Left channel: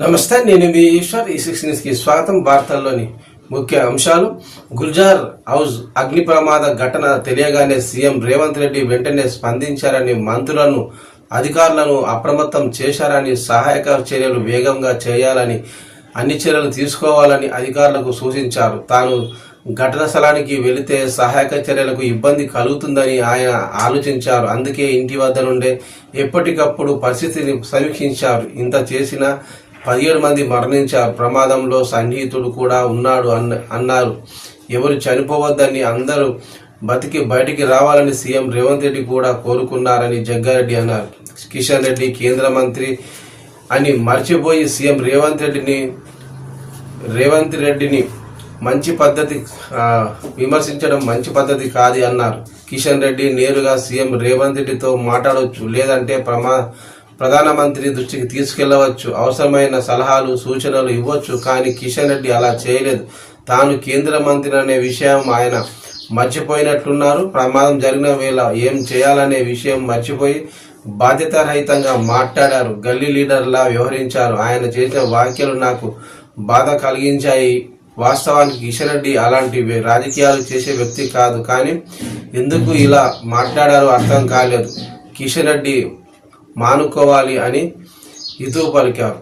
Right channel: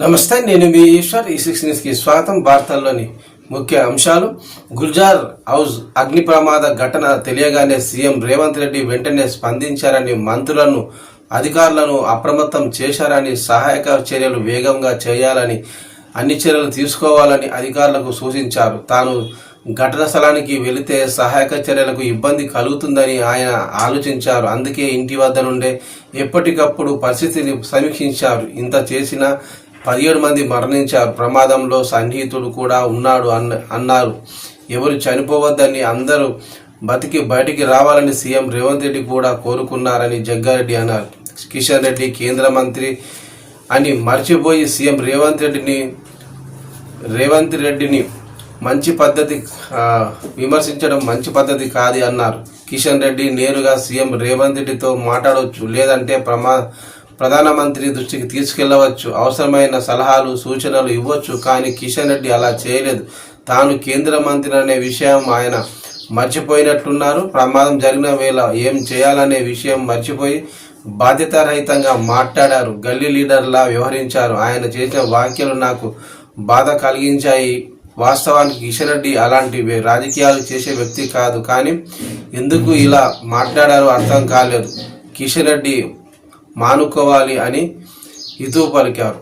నమస్తే, నేను మీ ఈశ్వర్. ఈ6 న్యూస్కి స్వాగతం. వార్తల్లోని ముఖ్య అంశాలు. గుల్జార్ హౌస్ అగ్ని ప్రమాద ఘటన తెలియగానే సీఎం రేవంత్ రెడ్డి వెంటనే స్పందించారని, మంత్రులను అధికారులను అప్రమత్తం చేశారని, సహాయక చర్యలు వేగంగా చేయాలని, అన్ని చర్యలు తీసుకోవాలని అధికారులకు సూచించారు. తాను ఘటన స్థలానికి వెళితే సహాయక చర్యలకు ఇబ్బంది కలుగుతుందని ఆయన ఆలోచించారు. అందుకే ఇంటి వద్ద నుండే ఎప్పటికప్పుడు పరిస్థితిని సమీక్షించారు. ఇంత చేసినా 17 మంది మరణించారు. ప్రమాదంలో సన్నిహితుడు కూడా ఉన్నాడు అన్నారు. ఎవరు చనిపోవద్దని, అందరూ బతికి బయటికి రావాలని సీఎం రేవంత్ రెడ్డి కూడా కోరుకున్నారని జగ్గారెడ్డి అన్నారు. కిషన్ రెడ్డి కేంద్ర మంత్రి అని మర్చిపోయి సీఎం రేవంత్ రెడ్డిని మంచి పద్ధతి విమర్శించడం మంచి పద్ధతి కాదు అన్నారు. కిషన్ రెడ్డి నేరుగా సీఎం రేవంత్ రెడ్డితో మాట్లాడవచ్చు, లేదంటే ప్రధానమంత్రి దృష్టికి తీసుకెళ్లవచ్చు, అవసరమైన సలహాలు సూచనలు ఇవ్వచ్చు. కానీ కిషన్ రెడ్డి అలా చేయలేదు. తాను కేంద్ర మంత్రి అనే విషయం ఆయన మర్చిపోయినట్లున్నారు. ప్రమాదం జరిగిన వేళ ఏం చేయాలనే విషయం మర్చిపోయి బాధ్యతారహితంగా మాట్లాడారు. గల్లీ లీడర్లా వ్యవహరించారు. ఆయన చేసిన వ్యాఖ్యలు నాకు బాధ కలిగించాయి. వాస్తవానికి కిషన్ రెడ్డి అలాంటి రాజకీయాలు చేసే వ్యక్తి కాదు. కానీ ఎందుకు ఇలా మాట్లాడారో అర్థం కాలేదు. కిషన్ రెడ్డి మానుకోవాలి అని హితవు పలికారు.